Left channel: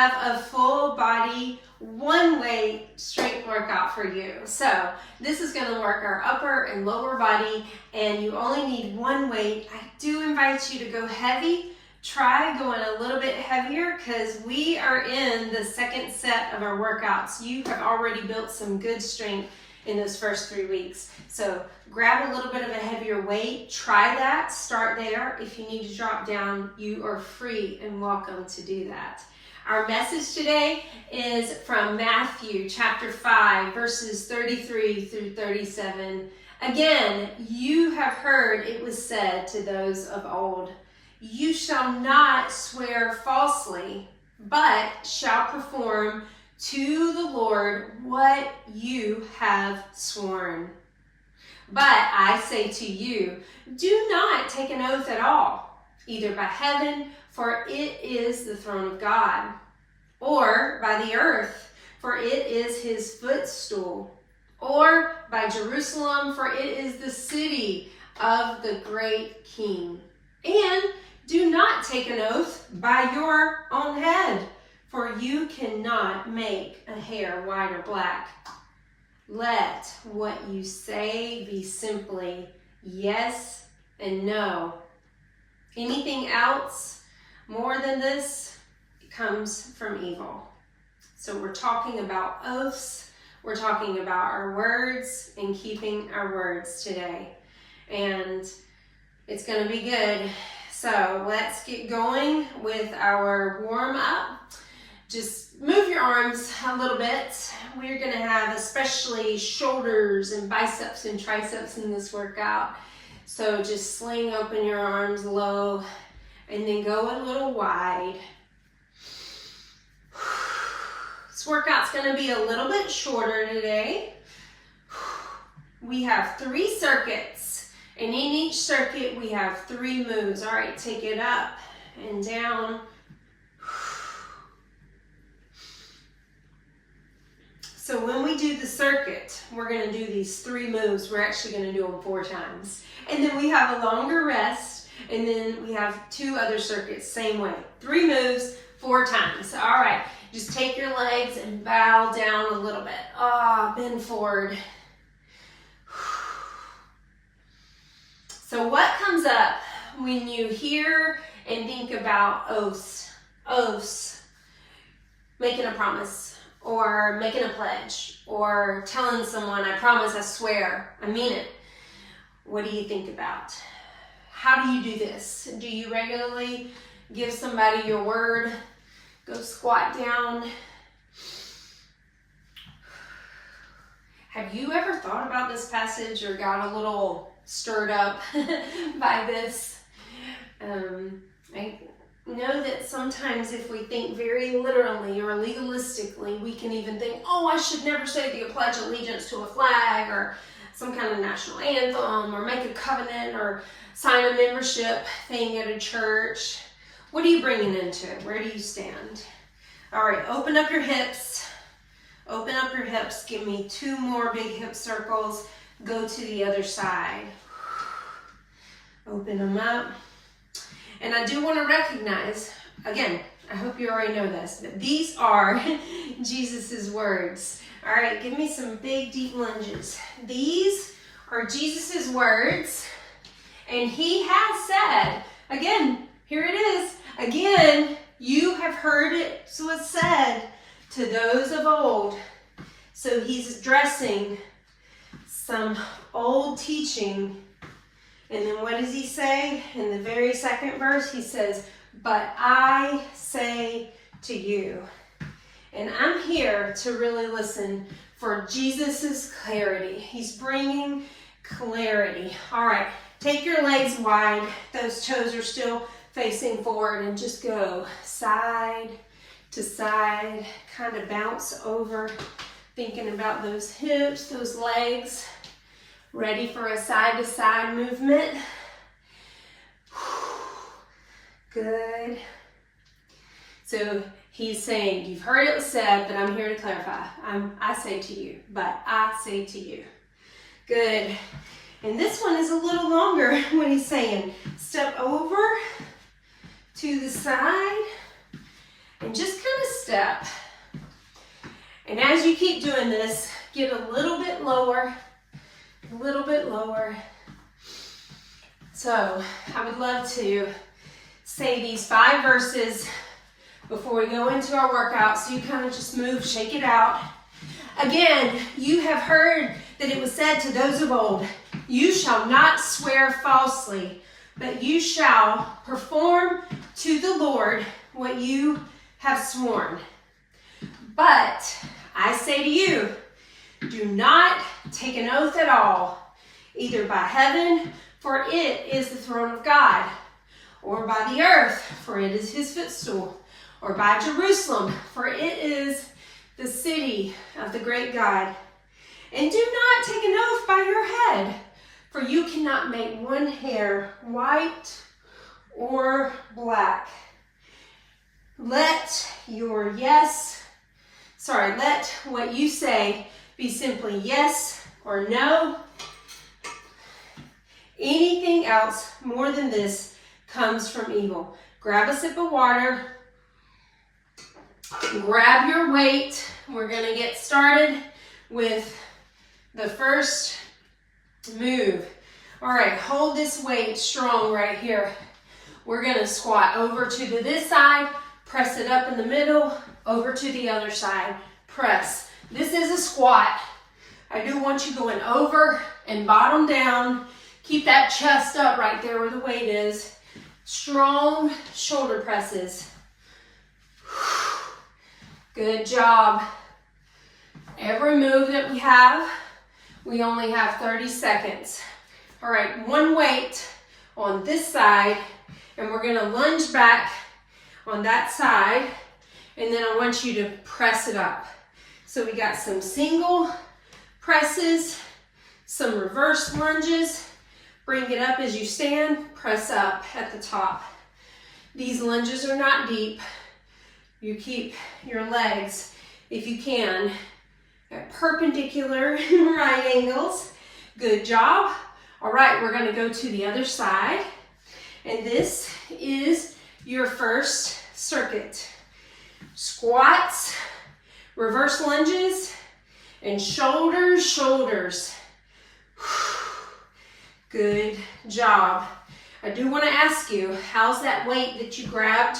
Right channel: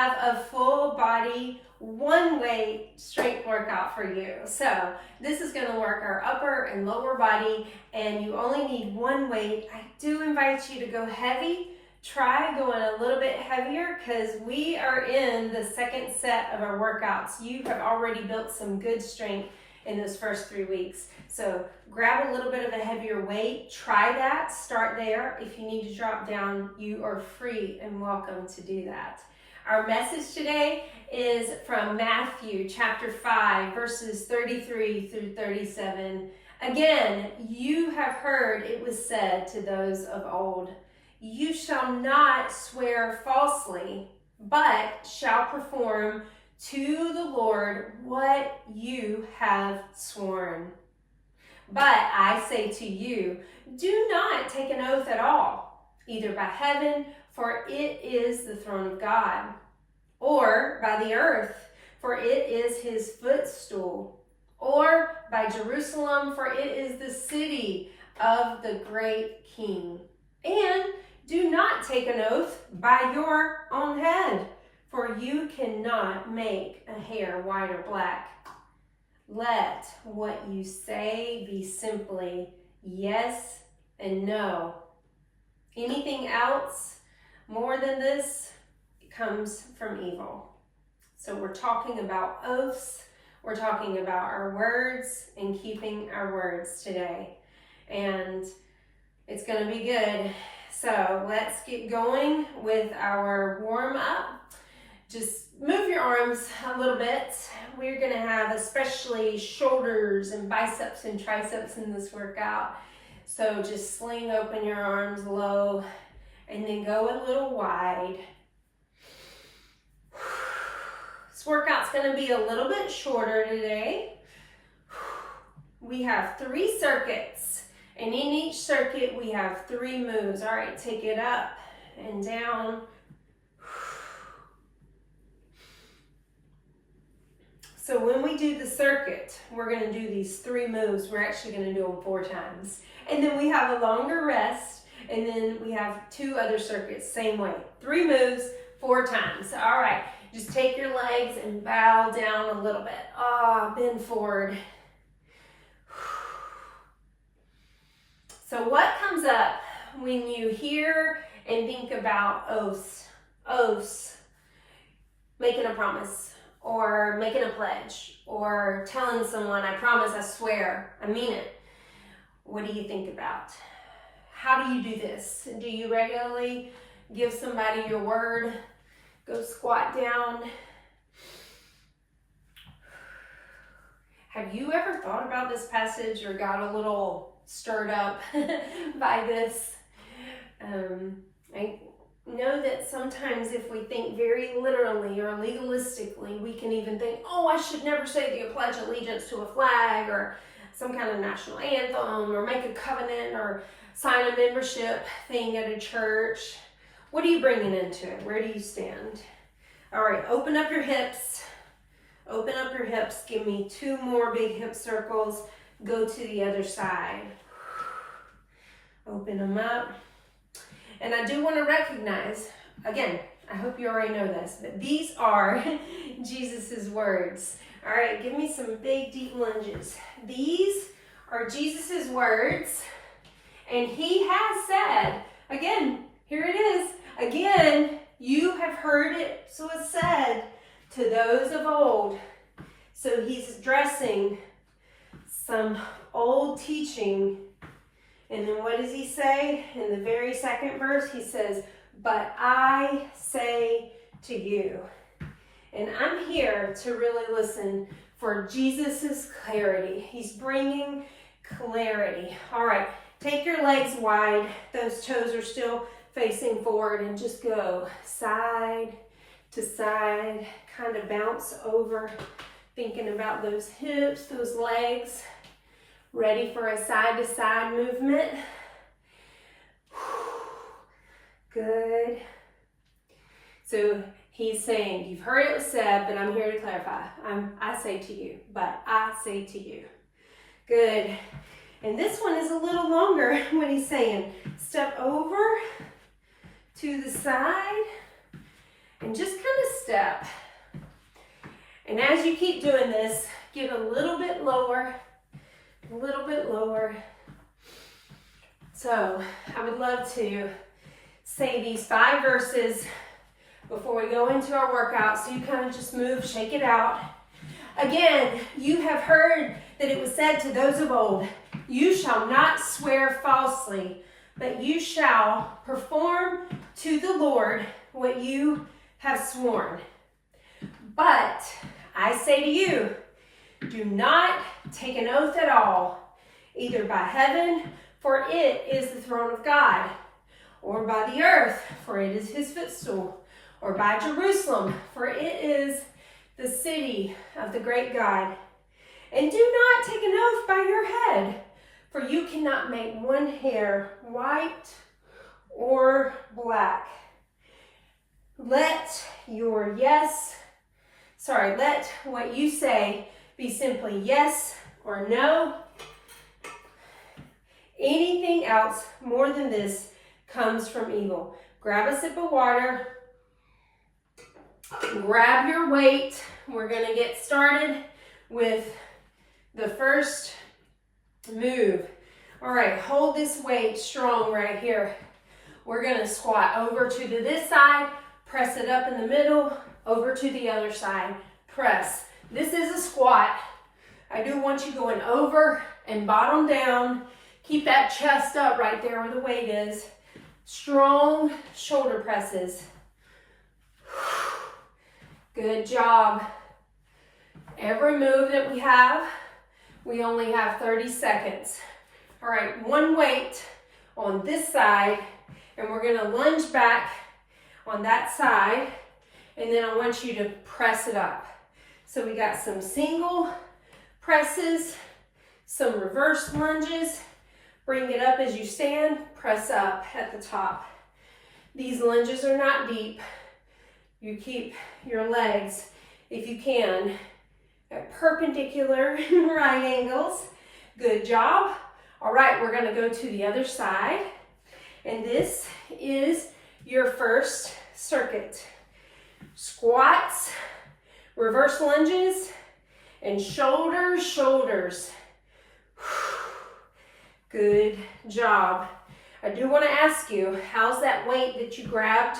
have a full body, one weight strength workout for you. So this is going to work our upper and lower body, and you only need one weight. I do invite you to go heavy. Try going a little bit heavier because we are in the second set of our workouts. You have already built some good strength in those first 3 weeks. So grab a little bit of a heavier weight. Try that. Start there. If you need to drop down, you are free and welcome to do that. Our message today is from Matthew chapter 5, verses 33 through 37. Again, you have heard it was said to those of old, "You shall not swear falsely, but shall perform to the Lord what you have sworn. But I say to you, do not take an oath at all, either by heaven, for it is the throne of God, or by the earth, for it is his footstool, or by Jerusalem, for it is the city of the great King. And do not take an oath by your own head, for you cannot make a hair white or black. Let what you say be simply yes and no. Anything else more than this comes from evil." So we're talking about oaths. We're talking about our words and keeping our words today. And it's going to be good. So let's get going with our warm up. Just move your arms a little bit. We're going to have especially shoulders and biceps and triceps in this workout. So just sling open your arms low and then go a little wide. This workout's going to be a little bit shorter today. We have 3 circuits, and in each circuit we have 3 moves. All right, take it up and down. So when we do the circuit, we're going to do these 3 moves. We're actually going to do them 4 times. And then we have a longer rest, and then we have 2 other circuits, same way. 3 moves, 4 times. All right, just take your legs and bow down a little bit. Bend forward. So what comes up when you hear and think about oaths? Oaths, making a promise, or making a pledge, or telling someone, I promise, I swear, I mean it. What do you think about? How do you do this? Do you regularly give somebody your word? Go squat down. Have you ever thought about this passage or got a little stirred up by this? I know that sometimes if we think very literally or legalistically, we can even think, oh, I should never say the pledge allegiance to a flag or some kind of national anthem or make a covenant or sign a membership thing at a church. What are you bringing into it? Where do you stand? All right, open up your hips. Open up your hips. Give me 2 more big hip circles. Go to the other side. Open them up. And I do want to recognize, again, I hope you already know this, but these are Jesus's words. All right, give me some big, deep lunges. These are Jesus's words, and he has said, again, here it is, again, you have heard it, so it's said to those of old. So he's addressing some old teaching. And then what does he say? In the very second verse, he says, but I say to you. And I'm here to really listen for Jesus's clarity. He's bringing clarity. All right, take your legs wide. Those toes are still facing forward, and just go side to side, kind of bounce over, thinking about those hips, those legs. Ready for a side-to-side movement. Good. So he's saying, you've heard it was said, but I'm here to clarify. I say to you, but I say to you. Good. And this one is a little longer, what he's saying. Step over to the side and just kind of step. And as you keep doing this, get a little bit lower, a little bit lower. So I would love to say these 5 verses before we go into our workout, so you kind of just move, shake it out. Again, you have heard that it was said to those of old, you shall not swear falsely, but you shall perform to the Lord what you have sworn. But I say to you, do not take an oath at all, either by heaven, for it is the throne of God, or by the earth, for it is his footstool, or by Jerusalem, for it is the city of the great God. And do not take an oath by your head, for you cannot make one hair white or black. Let what you say be simply yes or no. Anything else more than this comes from evil. Grab a sip of water. Grab your weight. We're going to get started with the first move. All right, hold this weight strong right here. We're going to squat over to this side, press it up in the middle, over to the other side, press. This is a squat. I do want you going over and bottom down. Keep that chest up right there where the weight is. Strong shoulder presses. Good job. Every move that we have, we only have 30 seconds. All right, one weight on this side, and we're gonna lunge back on that side, and then I want you to press it up. So we got some single presses, some reverse lunges. Bring it up as you stand, press up at the top. These lunges are not deep. You keep your legs, if you can, at perpendicular right angles. Good job. All right, we're gonna go to the other side. And this is your first circuit. Squats, reverse lunges, and shoulders, shoulders. Good job. I do want to ask you, how's that weight that you grabbed?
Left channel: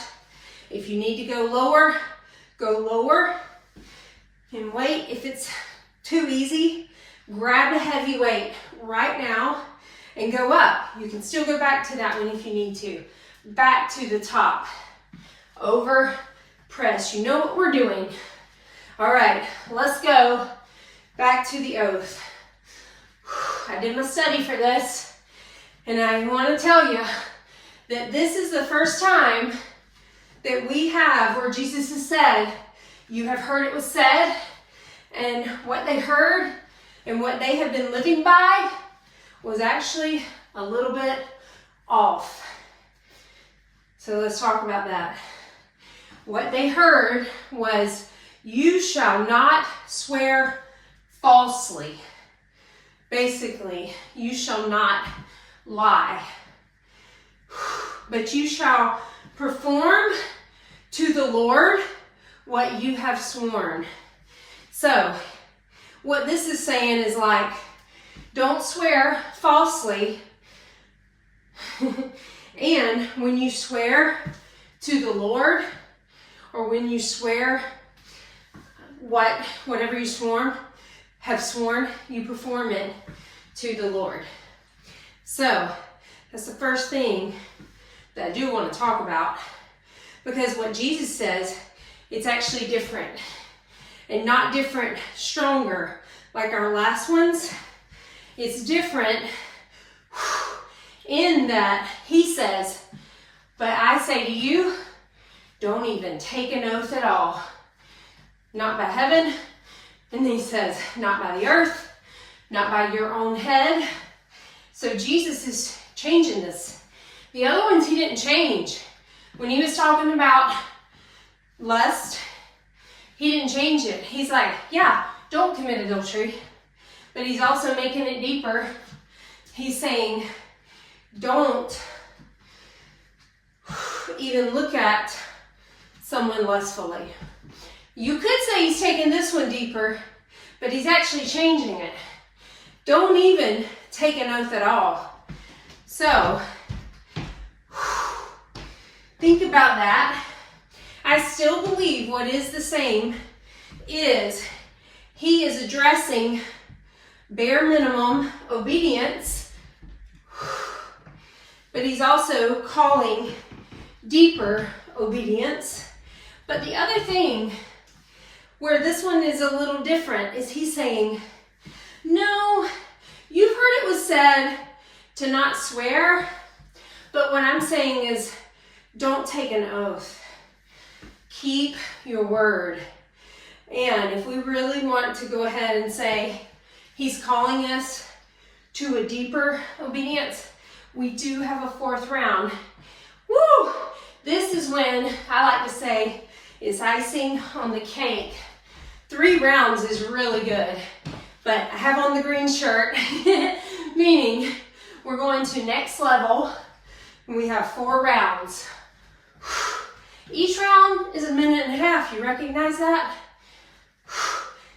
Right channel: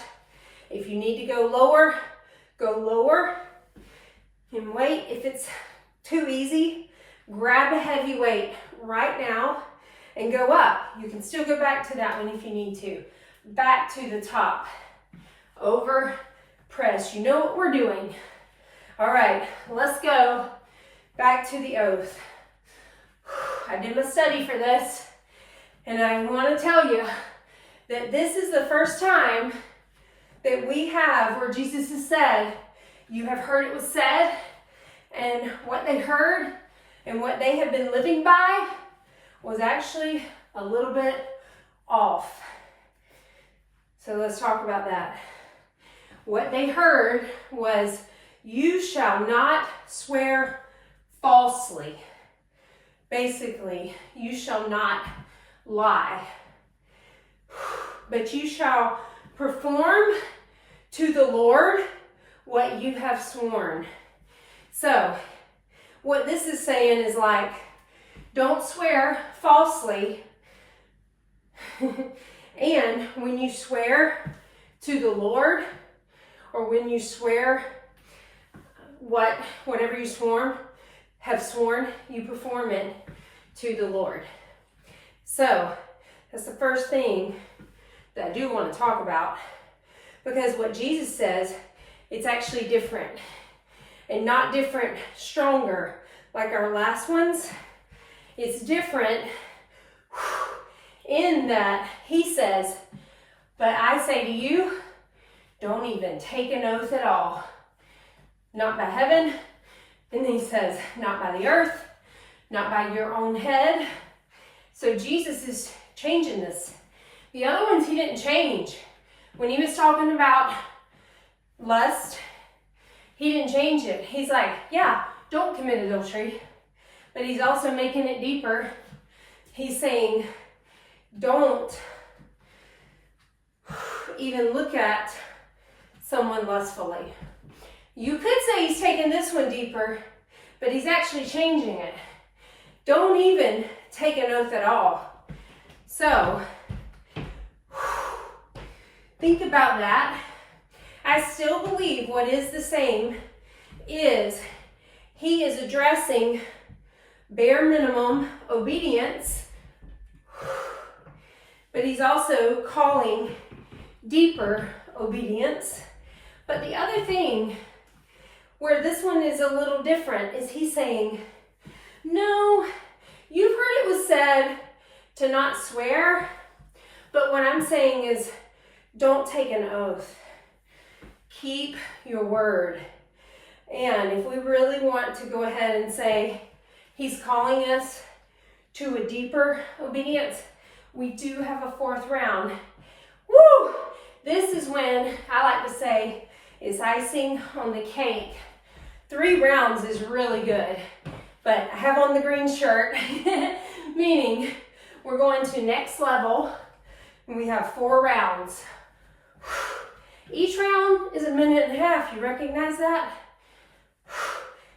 If you need to go lower, go lower. And wait, if it's too easy, grab a heavy weight right now and go up. You can still go back to that one if you need to. Back to the top. Over, press. You know what we're doing. All right, let's go back to the oath. I did my study for this, and I want to tell you that this is the first time that we have where Jesus has said, you have heard it was said, and what they heard and what they have been living by was actually a little bit off. So let's talk about that. What they heard was, you shall not swear falsely. Basically, you shall not lie, but you shall perform to the Lord what you have sworn. So, what this is saying is like, don't swear falsely, and when you swear to the Lord, or when you swear whatever you have sworn, you perform it to the Lord. So that's the first thing that I do want to talk about, because what Jesus says, it's actually different, and not different stronger like our last ones. It's different in that he says, but I say to you, don't even take an oath at all. Not by heaven. And then he says, not by the earth, not by your own head. So Jesus is changing this. The other ones he didn't change. When he was talking about lust, he didn't change it. He's like, yeah, don't commit adultery. But he's also making it deeper. He's saying, don't even look at someone lustfully. You could say he's taking this one deeper, but he's actually changing it. Don't even take an oath at all. So, think about that. I still believe what is the same is he is addressing bare minimum obedience, but he's also calling deeper obedience. But the other thing where this one is a little different is he's saying, no, you've heard it was said to not swear, but what I'm saying is don't take an oath. Keep your word. And if we really want to go ahead and say he's calling us to a deeper obedience, we do have a fourth round. Woo! This is when I like to say is icing on the cake. 3 rounds is really good, but I have on the green shirt, meaning we're going to next level, and we have 4 rounds. Each round is 1.5 minutes. You recognize that?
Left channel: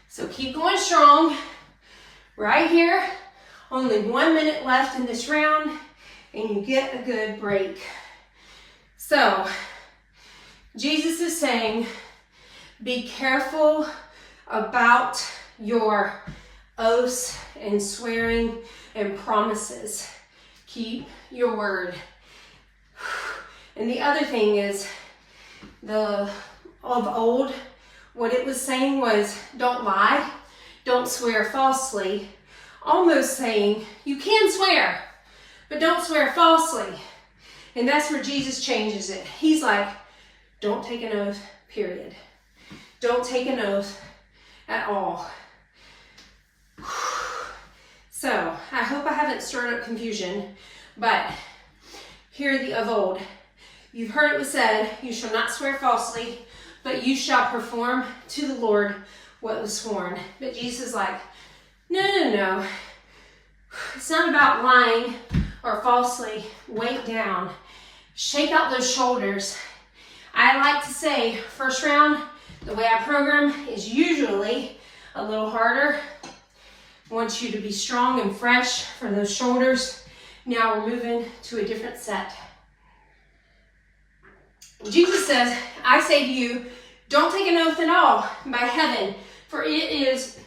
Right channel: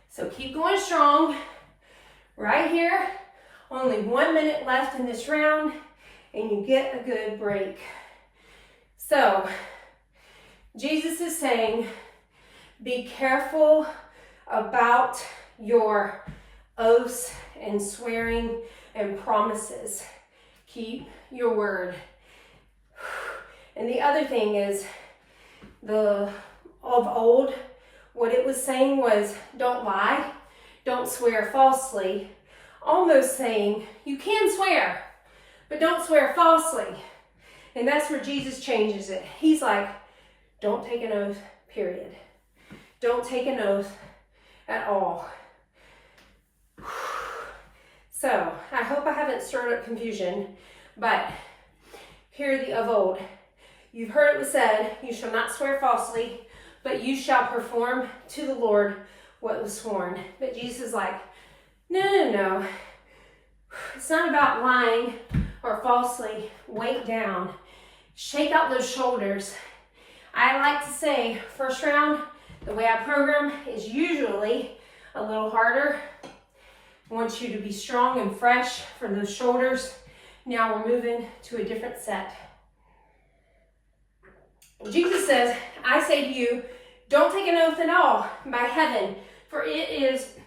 So keep going strong. Right here, only 1 minute left in this round, and you get a good break. So, Jesus is saying, be careful about your oaths and swearing and promises. Keep your word. And the other thing is, of old, what it was saying was, don't lie, don't swear falsely. Almost saying, you can swear, but don't swear falsely. And that's where Jesus changes it. He's like, don't take an oath, period. Don't take an oath at all. So, I hope I haven't stirred up confusion, but hear the of old. You've heard it was said, you shall not swear falsely, but you shall perform to the Lord what was sworn. But Jesus is like, no. It's not about lying or falsely. Weight down. Shake out those shoulders. I like to say, first round, the way I program is usually a little harder. I want you to be strong and fresh for those shoulders. Now we're moving to a different set. Jesus says, I say to you, don't take an oath at all by heaven, for it is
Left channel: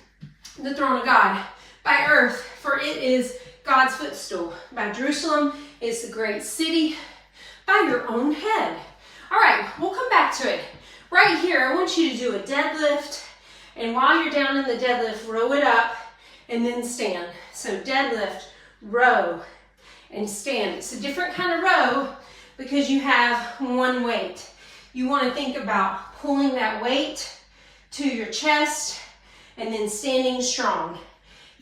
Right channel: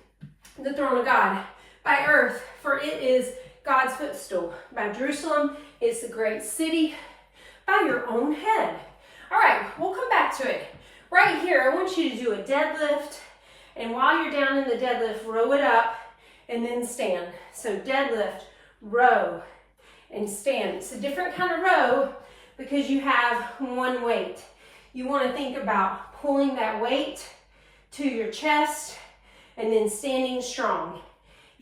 the throne of God. By earth, for it is God's footstool. By Jerusalem, it's the great city. By your own head. All right, we'll come back to it. Right here, I want you to do a deadlift. And while you're down in the deadlift, row it up and then stand. So deadlift, row, and stand. It's a different kind of row because you have one weight. You want to think about pulling that weight to your chest and then standing strong.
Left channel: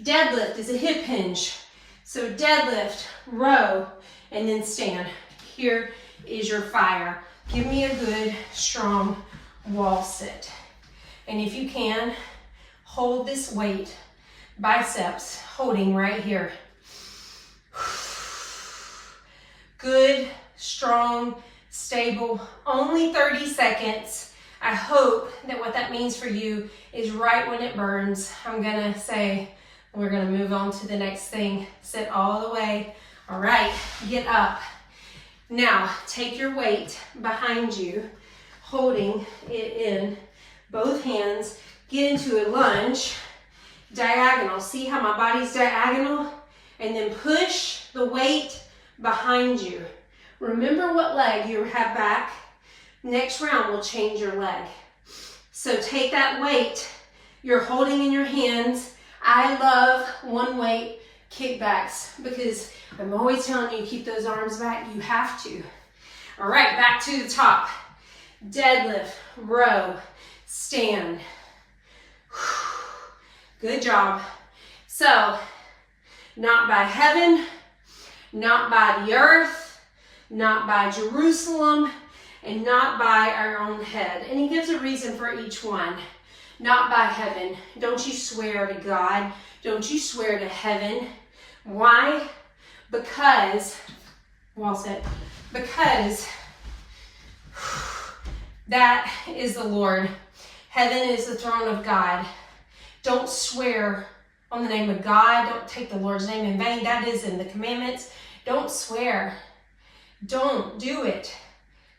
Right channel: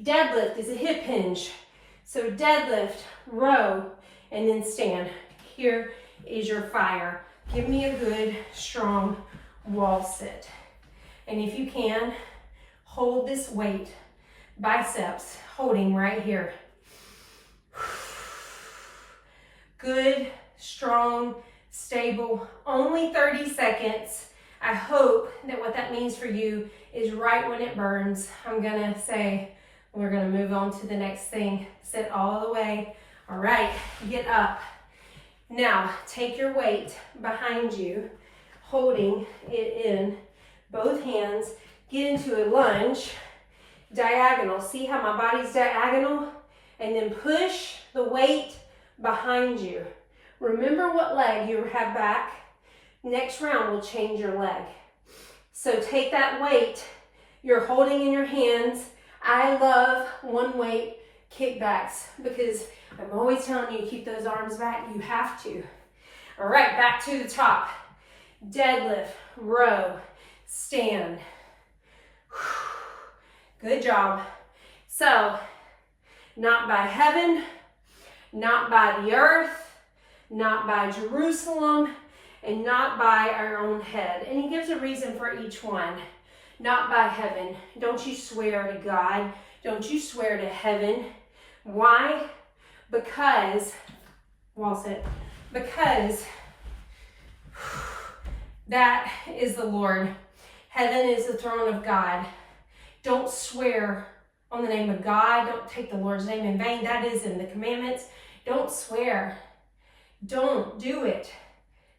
Deadlift is a hip hinge. So deadlift, row, and then stand. Here is your fire. Give me a good, strong wall sit. And if you can, hold this weight, biceps, holding right here. Good, strong, stable, only 30 seconds. I hope that what that means for you is right when it burns. I'm gonna say, we're gonna move on to the next thing. Sit all the way. All right, get up. Now, take your weight behind you, holding it in both hands. Get into a lunge, diagonal. See how my body's diagonal? And then push the weight behind you. Remember what leg you have back. Next round will change your leg. So take that weight you're holding in your hands. I love one weight kickbacks because I'm always telling you, keep those arms back. You have to. All right, back to the top. Deadlift, row, stand. Good job. So, not by heaven, not by the earth, not by Jerusalem, and not by our own head. And he gives a reason for each one. Not by heaven. Don't you swear to God. Don't you swear to heaven. Why? Because, well said, because that is the Lord. Heaven is the throne of God. Don't swear on the name of God. Don't take the Lord's name in vain. That is in the commandments. Don't swear. Don't do it.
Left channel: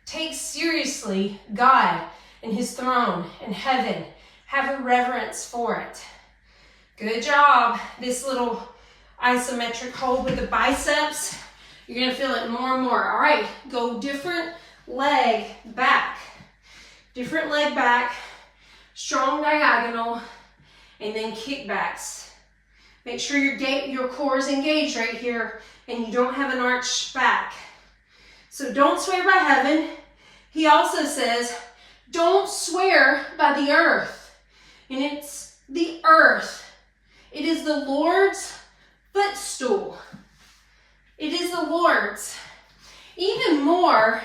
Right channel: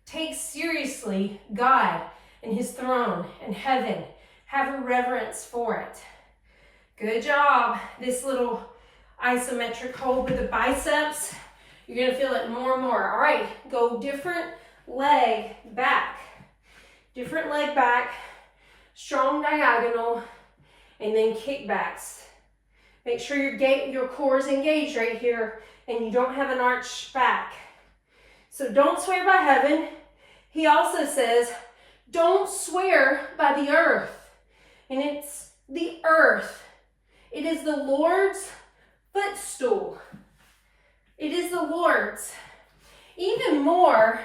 Take seriously God and his throne and heaven. Have a reverence for it. Good job. This little isometric hold with the biceps. You're going to feel it more and more. All right, go different leg back. Different leg back. Strong diagonal. And then kickbacks. Make sure your core is engaged right here and you don't have an arched back. So don't swear by heaven. He also says, don't swear by the earth. And it's the earth. It is the Lord's footstool. It is the Lord's. Even more,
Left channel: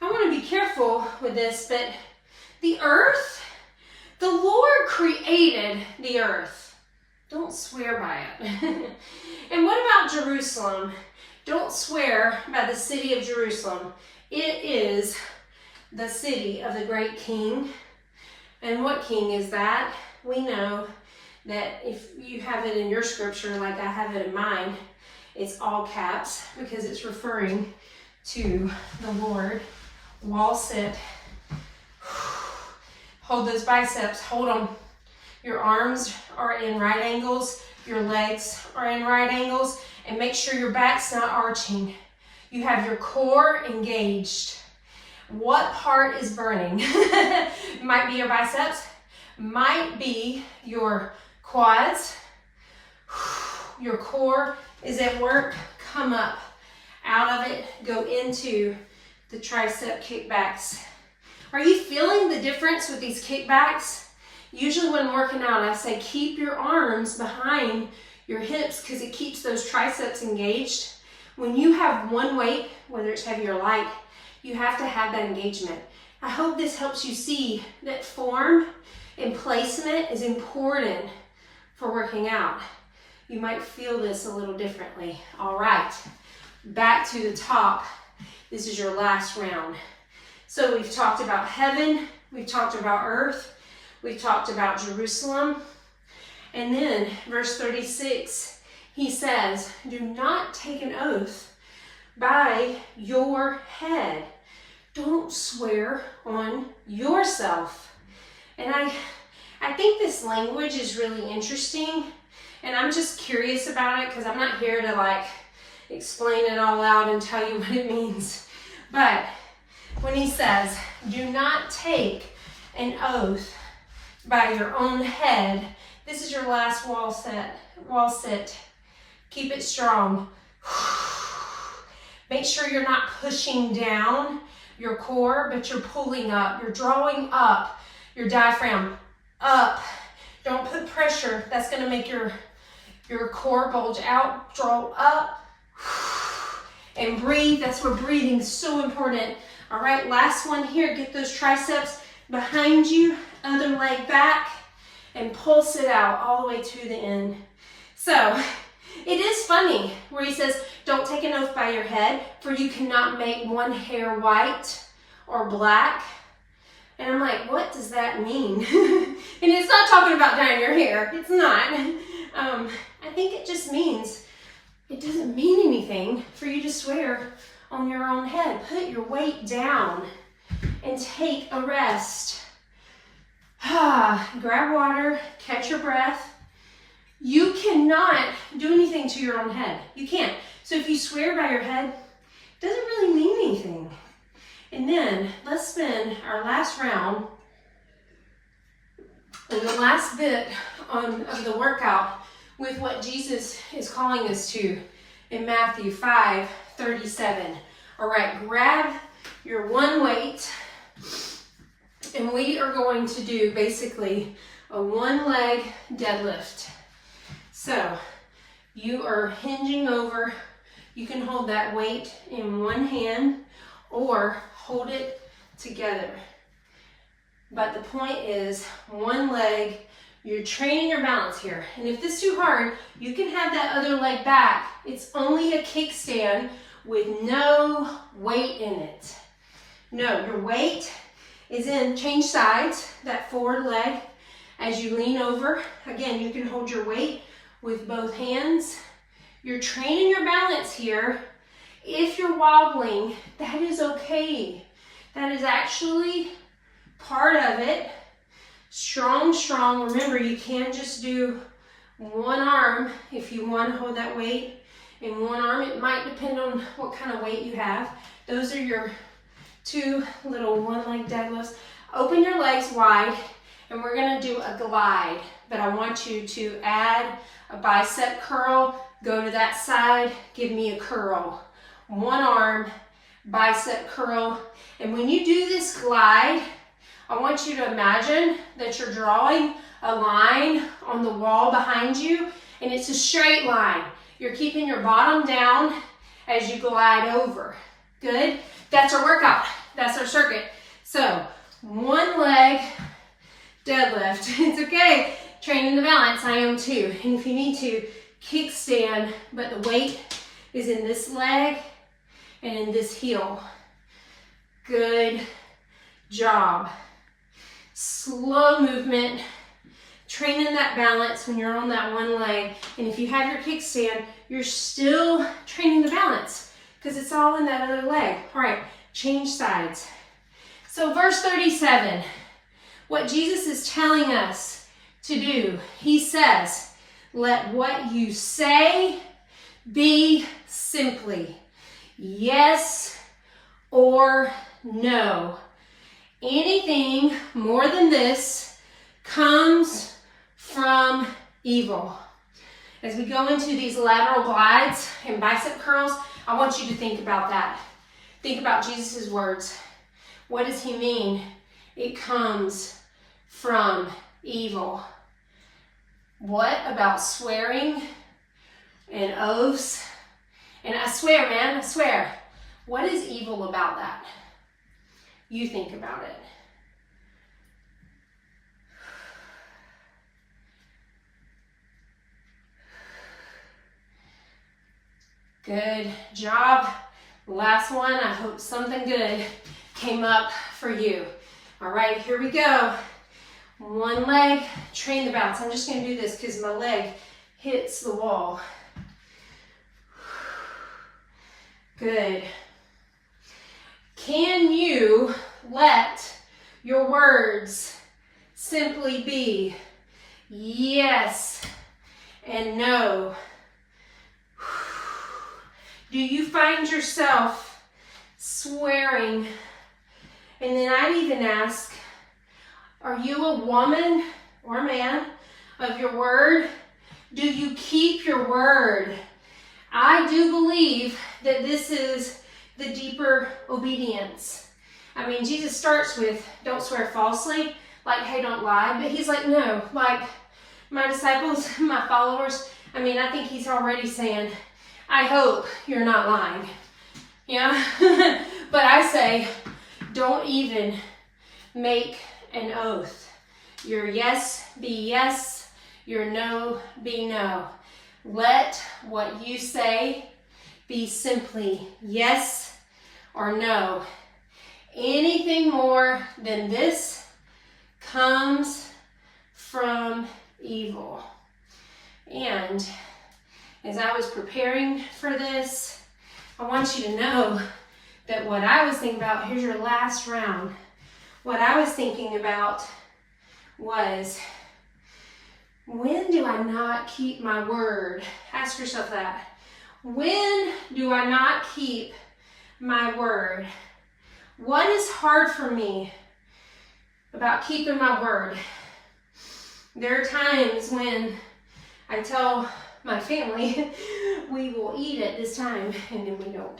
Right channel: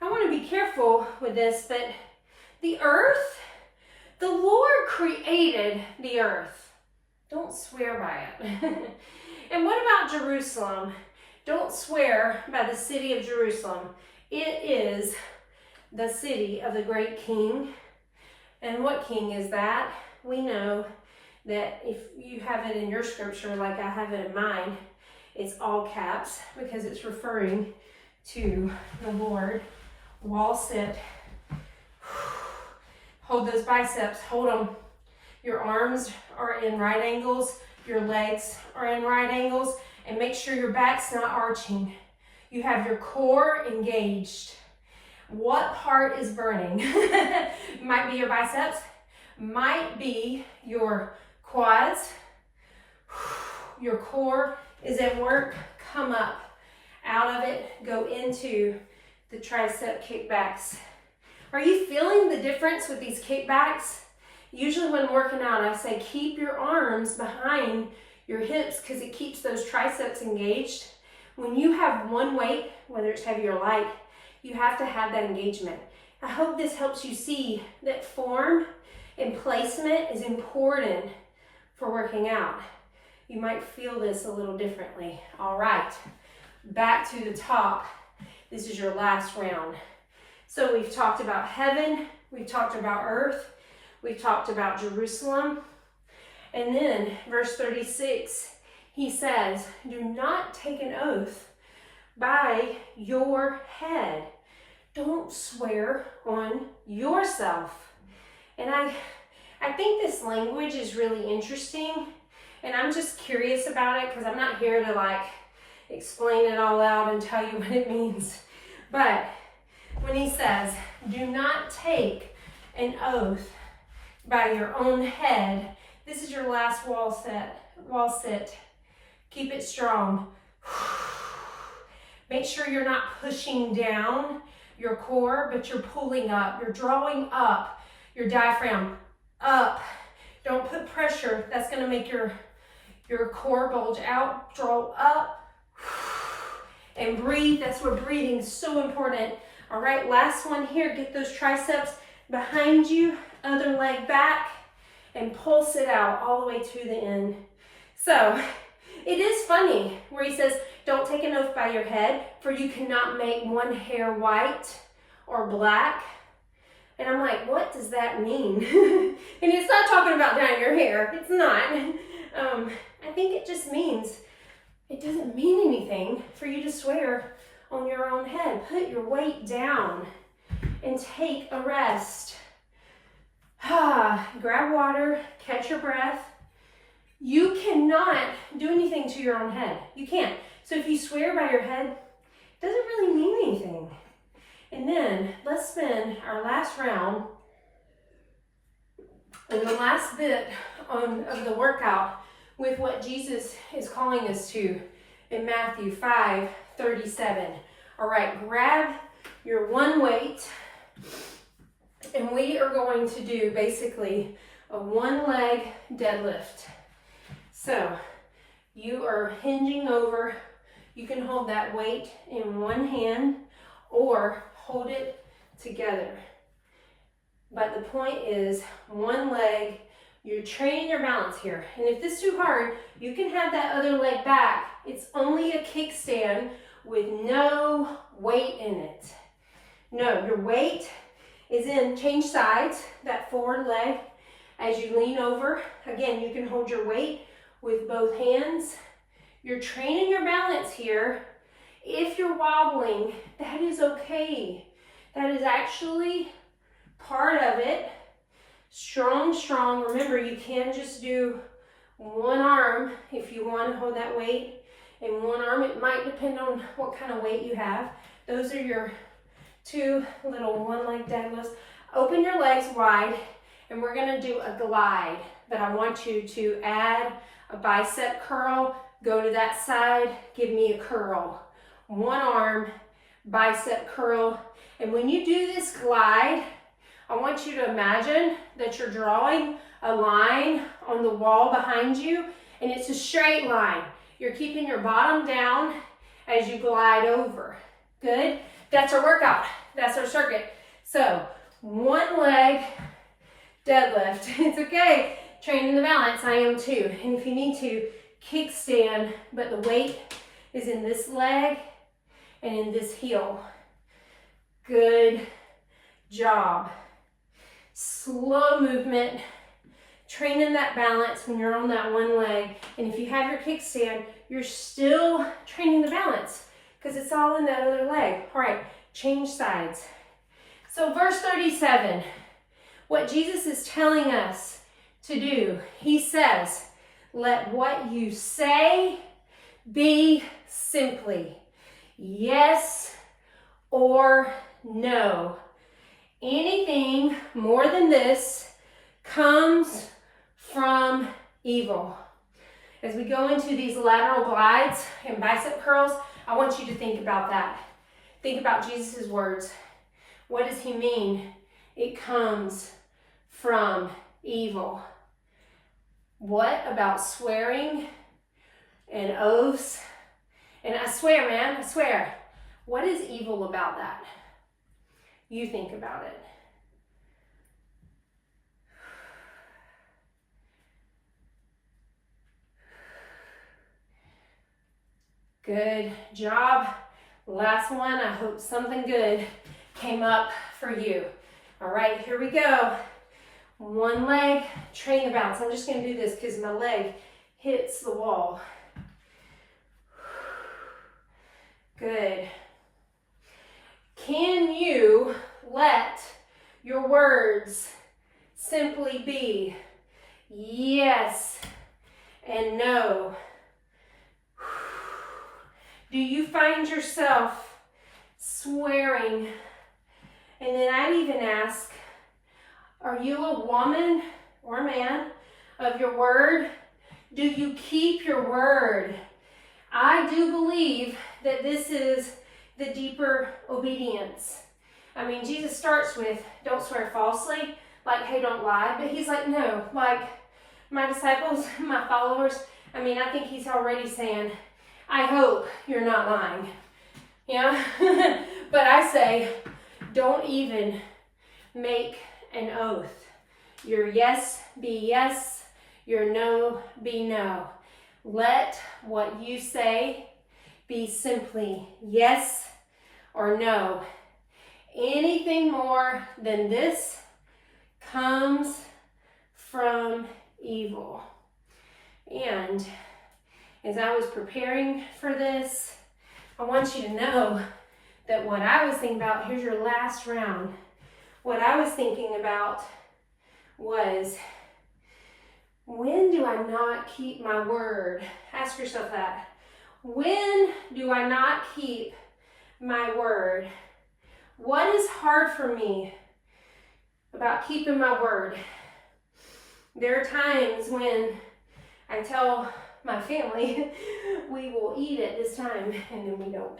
I want to be careful with this, but the earth, the Lord created the earth. Don't swear by it. And what about Jerusalem? Don't swear by the city of Jerusalem. It is the city of the great king. And what king is that? We know that if you have it in your scripture like I have it in mine, it's all caps because it's referring to the Lord. Wall sit. Hold those biceps. Hold them. Your arms are in right angles. Your legs are in right angles. And make sure your back's not arching. You have your core engaged. What part is burning? Might be your biceps. Might be your quads. Your core is at work. Come up. Out of it. Go into the tricep kickbacks. Are you feeling the difference with these kickbacks? Usually when working out, I say keep your arms behind your hips because it keeps those triceps engaged. When you have one weight, whether it's heavy or light, you have to have that engagement. I hope this helps you see that form and placement is important for working out. You might feel this a little differently. All right, back to the top. This is your last round. So we've talked about heaven, we've talked about earth, we've talked about Jerusalem. And then verse 36, he says, do not take an oath by your head. Don't swear on yourself. And I think this language is really interesting. And I'm just curious about it because I'm not here to like explain it all out and tell you what it means. But when he says, do not take an oath by your own head, this is your last wall sit. Keep it strong. Make sure you're not pushing down your core, but you're pulling up. You're drawing up your diaphragm up. Don't put pressure. That's going to make your core bulge out. Draw up and breathe. That's where breathing is so important. All right, last one here. Get those triceps behind you, other leg back, and pulse it out all the way to the end. So it is funny where he says, don't take an oath by your head, for you cannot make one hair white or black. And I'm like, what does that mean? And it's not talking about dyeing your hair. It's not. I think it just means it doesn't mean anything for you to swear on your own head. Put your weight down and take a rest. Grab water, catch your breath. You cannot do anything to your own head. You can't. So if you swear by your head, it doesn't really mean anything. And then let's spend our last round and the last bit of the workout with what Jesus is calling us to in Matthew 5:37. All right, grab your one weight, and we are going to do basically a one leg deadlift. So you are hinging over. You can hold that weight in one hand or hold it together. But the point is one leg, you're training your balance here. And if this is too hard, you can have that other leg back. It's only a kickstand with no weight in it. No, your weight is in change sides, that forward leg. As you lean over, again, you can hold your weight with both hands. You're training your balance here. If you're wobbling, that is okay. That is actually part of it. Strong, strong. Remember, you can just do one arm if you want to hold that weight in one arm. It might depend on what kind of weight you have. Those are your 2 little one-leg deadlifts. Open your legs wide, and we're going to do a glide. But I want you to add a bicep curl. Go to that side, give me a curl. One arm, bicep curl. And when you do this glide, I want you to imagine that you're drawing a line on the wall behind you, and it's a straight line. You're keeping your bottom down as you glide over. Good? That's our workout. That's our circuit. So, one leg deadlift. It's okay. Training the balance. I am too. And if you need to, kickstand, but the weight is in this leg and in this heel. Good job. Slow movement, training that balance when you're on that one leg. And if you have your kickstand, you're still training the balance because it's all in that other leg. All right, change sides. So verse 37, what Jesus is telling us to do, he says, let what you say be simply yes or no. Anything more than this comes from evil. As we go into these lateral glides and bicep curls, I want you to think about that. Think about Jesus' words. What does he mean? It comes from evil. What about swearing and oaths? And I swear, man, I swear. What is evil about that? You think about it. Good job. Last one. I hope something good came up for you. All right, here we go. One leg, train the balance. I'm just going to do this because my leg hits the wall. Good. Can you let your words simply be yes and no? Do you find yourself swearing? And then I'd even ask, are you a woman or a man of your word? Do you keep your word? I do believe that this is the deeper obedience. I mean, Jesus starts with, don't swear falsely, like, hey, don't lie. But he's like, no, like my disciples, my followers, I mean, I think he's already saying, I hope you're not lying. Yeah? But I say, don't even make an oath. Your yes be yes, your no be no. Let what you say be simply yes or no. Anything more than this comes from evil. And as I was preparing for this, I want you to know that what I was thinking about, here's your last round. What I was thinking about was, when do I not keep my word? Ask yourself that. When do I not keep my word? What is hard for me about keeping my word? There are times when I tell my family, we will eat at this time, and then we don't.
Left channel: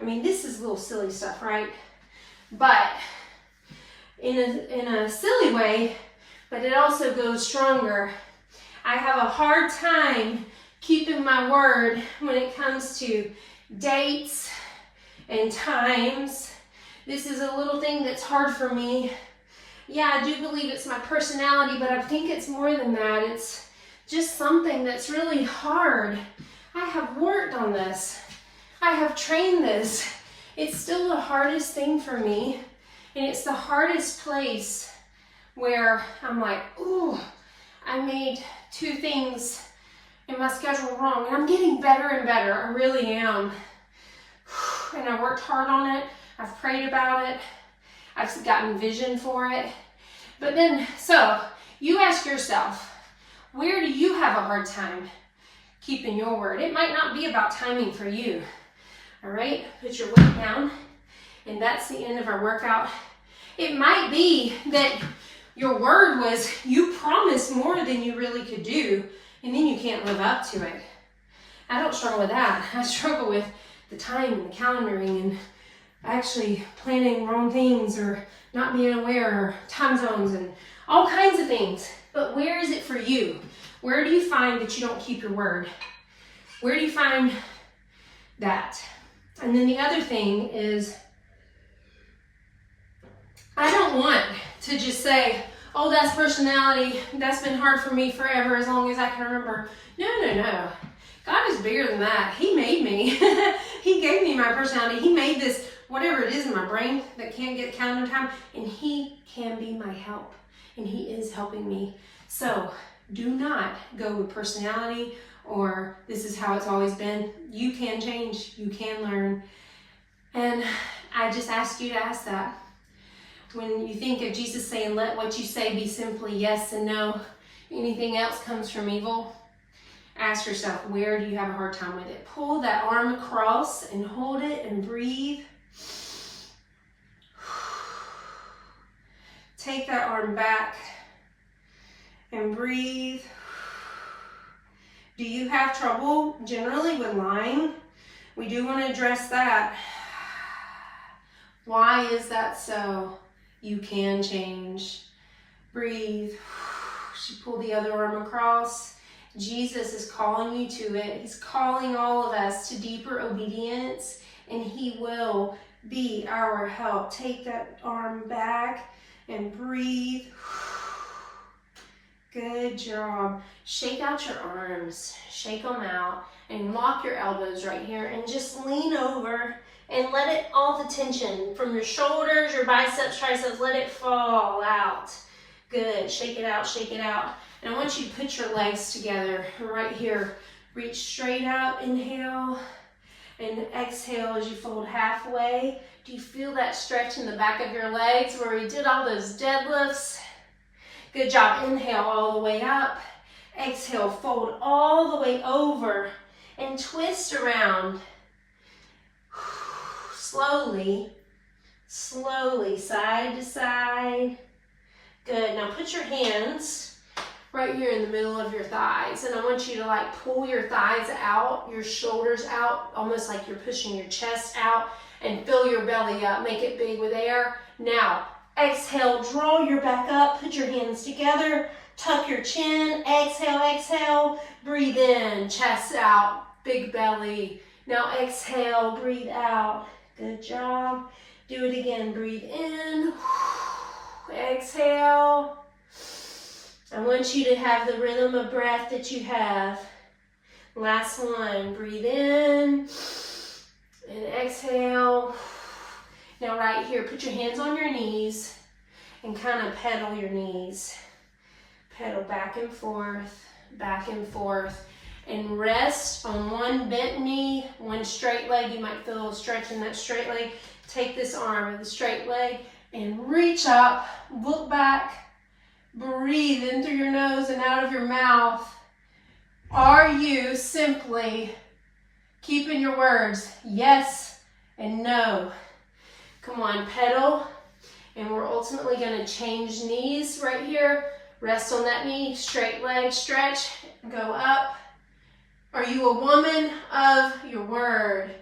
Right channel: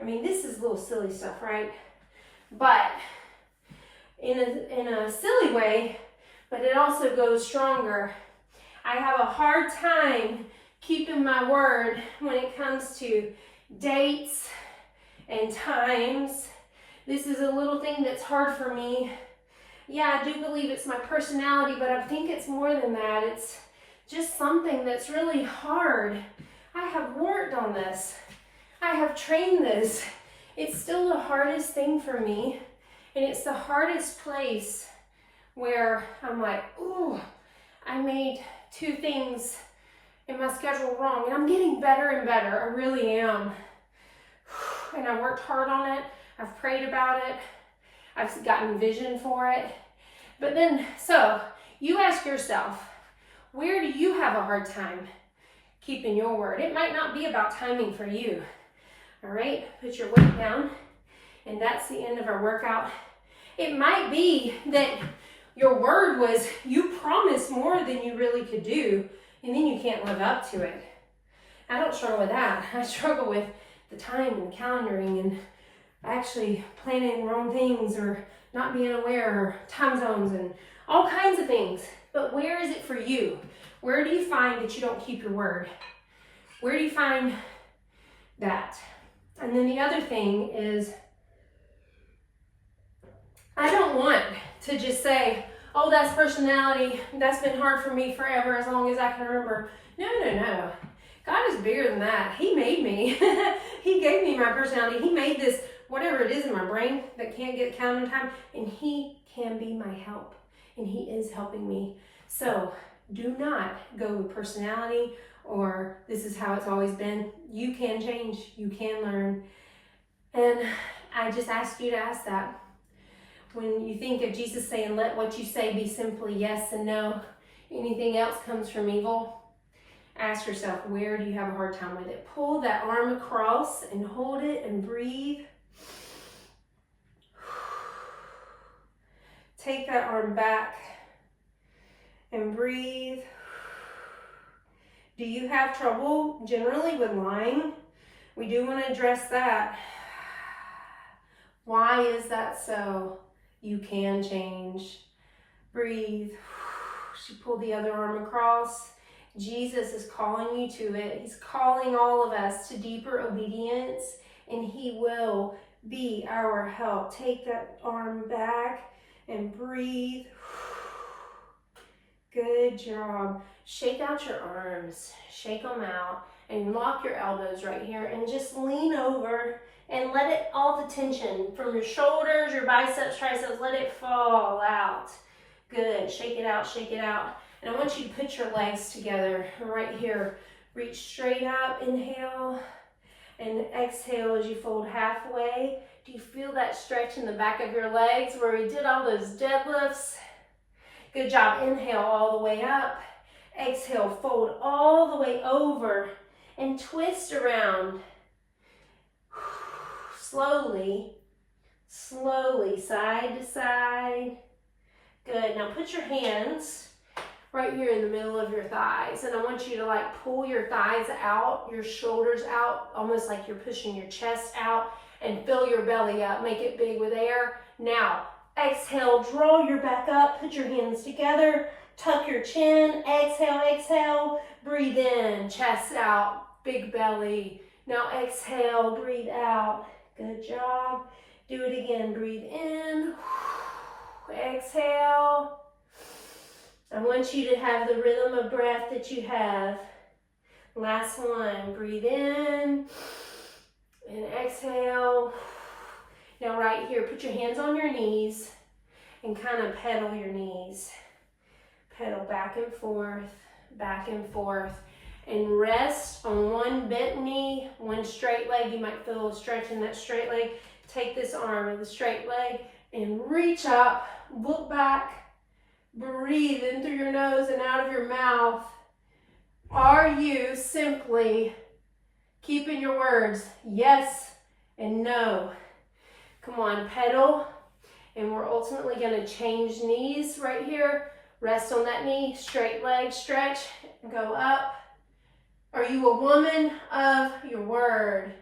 I mean, this is little silly stuff, right? But in a silly way, but it also goes stronger. I have a hard time keeping my word when it comes to dates and times. This is a little thing that's hard for me. Yeah, I do believe it's my personality, but I think it's more than that. It's just something that's really hard. I have worked on this. I have trained this. It's still the hardest thing for me. And it's the hardest place where I'm like, ooh, I made 2 things in my schedule wrong, and I'm getting better and better. I really am. And I worked hard on it. I've prayed about it. I've gotten vision for it. But then, so you ask yourself, where do you have a hard time keeping your word? It might not be about timing for you. All right, put your weight down, and that's the end of our workout. It might be that your word was you promised more than you really could do, and then you can't live up to it. I don't struggle with that. I struggle with the time and calendaring and actually planning wrong things or not being aware or time zones and all kinds of things. But where is it for you? Where do you find that you don't keep your word? Where do you find that? And then the other thing is, I don't want to just say, oh, that's personality. That's been hard for me forever as long as I can remember. No. God is bigger than that. He made me. He gave me my personality. He made this, whatever it is in my brain that can't get calendar time, and he can be my help. And he is helping me. So do not go with personality or this is how it's always been. You can change. You can learn. And I just ask you to ask that. When you think of Jesus saying, let what you say be simply yes and no, anything else comes from evil, ask yourself, where do you have a hard time with it? Pull that arm across and hold it and breathe. Take that arm back and breathe. Do you have trouble generally with lying? We do want to address that. Why is that so? You can change. Breathe. She pulled the other arm across. Jesus is calling you to it. He's calling all of us to deeper obedience, and he will be our help. Take that arm back and breathe. Good job. Shake out your arms. Shake them out and lock your elbows right here and just lean over and let it, all the tension from your shoulders, your biceps, triceps, let it fall out. Good. Shake it out, shake it out. And I want you to put your legs together right here. Reach straight up, inhale, and exhale as you fold halfway. Do you feel that stretch in the back of your legs where we did all those deadlifts? Good job. Inhale all the way up. Exhale, fold all the way over and twist around. Slowly, side to side. Good. Now put your hands right here in the middle of your thighs, and I want you to like pull your thighs out, your shoulders out, almost like you're pushing your chest out, and fill your belly up. Make it big with air. Now, exhale, draw your back up, put your hands together, tuck your chin, exhale, breathe in, chest out, big belly. Now exhale, breathe out. Good job. Do it again. Breathe in. Exhale. I want you to have the rhythm of breath that you have. Last one. Breathe in and exhale. Now right here, put your hands on your knees and kind of pedal your knees. Pedal back and forth. And rest on one bent knee, one straight leg. You might feel a little stretch in that straight leg. Take this arm with the straight leg and reach up, look back, breathe in through your nose and out of your mouth. Are you simply keeping your words yes and no? Come on, pedal. And we're ultimately going to change knees right here. Rest on that knee, straight leg, stretch, go up. Are you a woman of your word?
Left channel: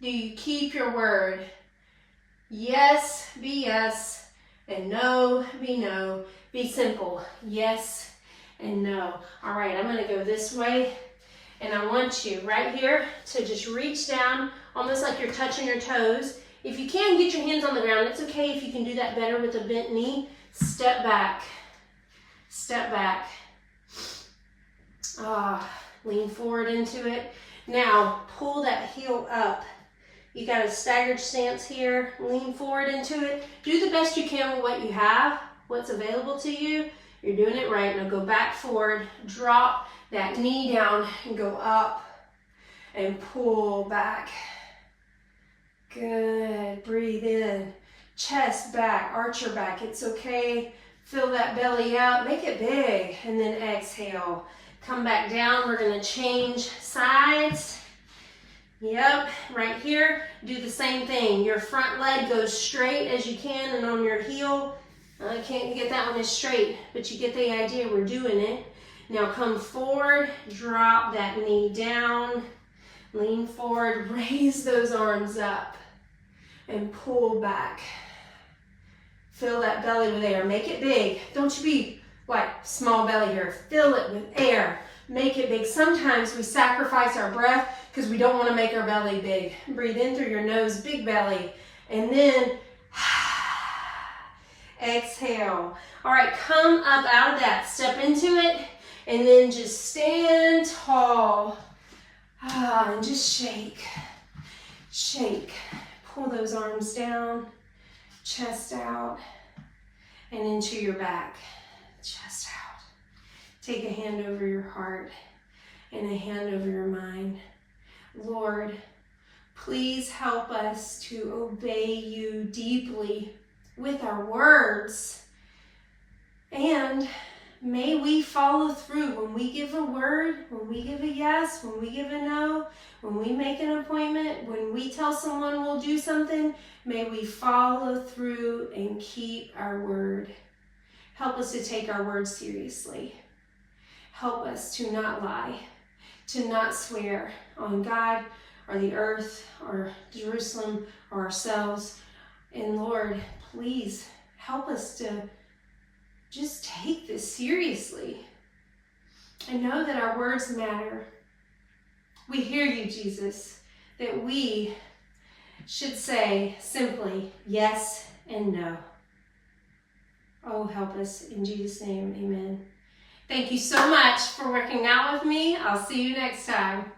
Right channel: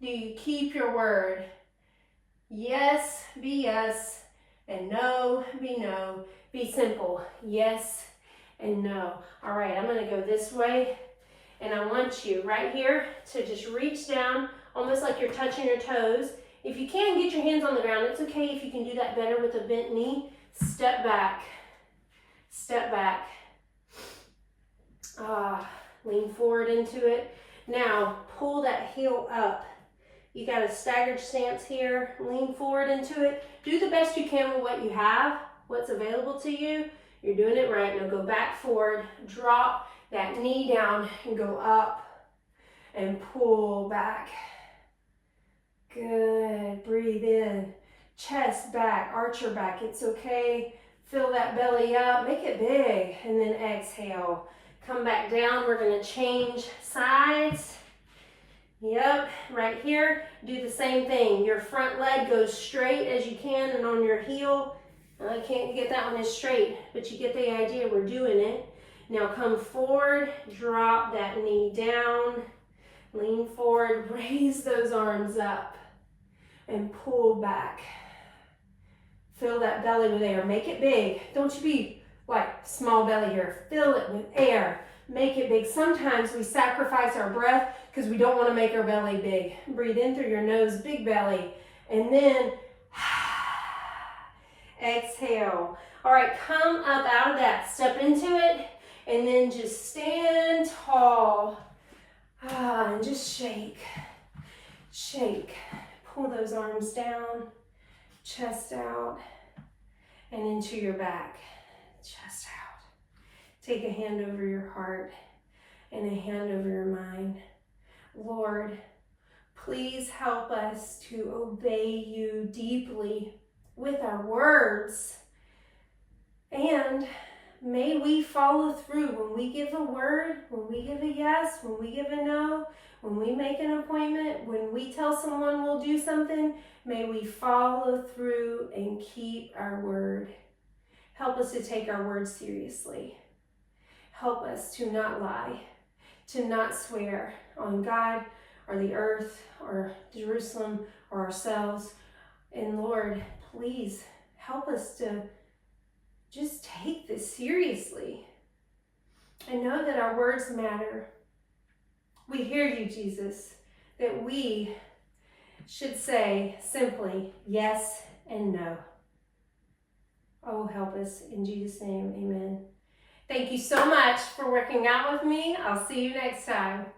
Do you keep your word? Yes, be yes, and no, be no. Be simple. Yes and no. All right, I'm going to go this way, and I want you right here to just reach down, almost like you're touching your toes. If you can, get your hands on the ground. It's okay if you can do that better with a bent knee. Step back. Step back. Lean forward into it. Now, pull that heel up. You got a staggered stance here. Lean forward into it. Do the best you can with what you have, what's available to you. You're doing it right. Now go back forward, drop that knee down and go up and pull back. Good. Breathe in. Chest back, arch your back. It's okay. Fill that belly up. Make it big. And then exhale. Come back down. We're going to change sides. Yep, right here, do the same thing. Your front leg goes straight as you can and on your heel. I can't get that one as straight, but you get the idea. We're doing it. Now come forward, drop that knee down, lean forward, raise those arms up, and pull back. Fill that belly with air. Make it big. Don't you be like small belly here. Fill it with air. Make it big. Sometimes we sacrifice our breath because we don't want to make our belly big. Breathe in through your nose, big belly. And then exhale. All right, come up out of that. Step into it. And then just stand tall. And just shake. Shake. Pull those arms down. Chest out. And into your back. Chest out. Take a hand over your heart and a hand over your mind. Lord, please help us to obey you deeply with our words. And may we follow through when we give a word, when we give a yes, when we give a no, when we make an appointment, when we tell someone we'll do something, may we follow through and keep our word. Help us to take our words seriously. Help us to not lie, to not swear on God or the earth or Jerusalem or ourselves. And Lord, please help us to just take this seriously. I know that our words matter. We hear you, Jesus, that we should say simply yes and no. Oh, help us in Jesus' name, amen. Thank you so much for working out with me. I'll see you next time.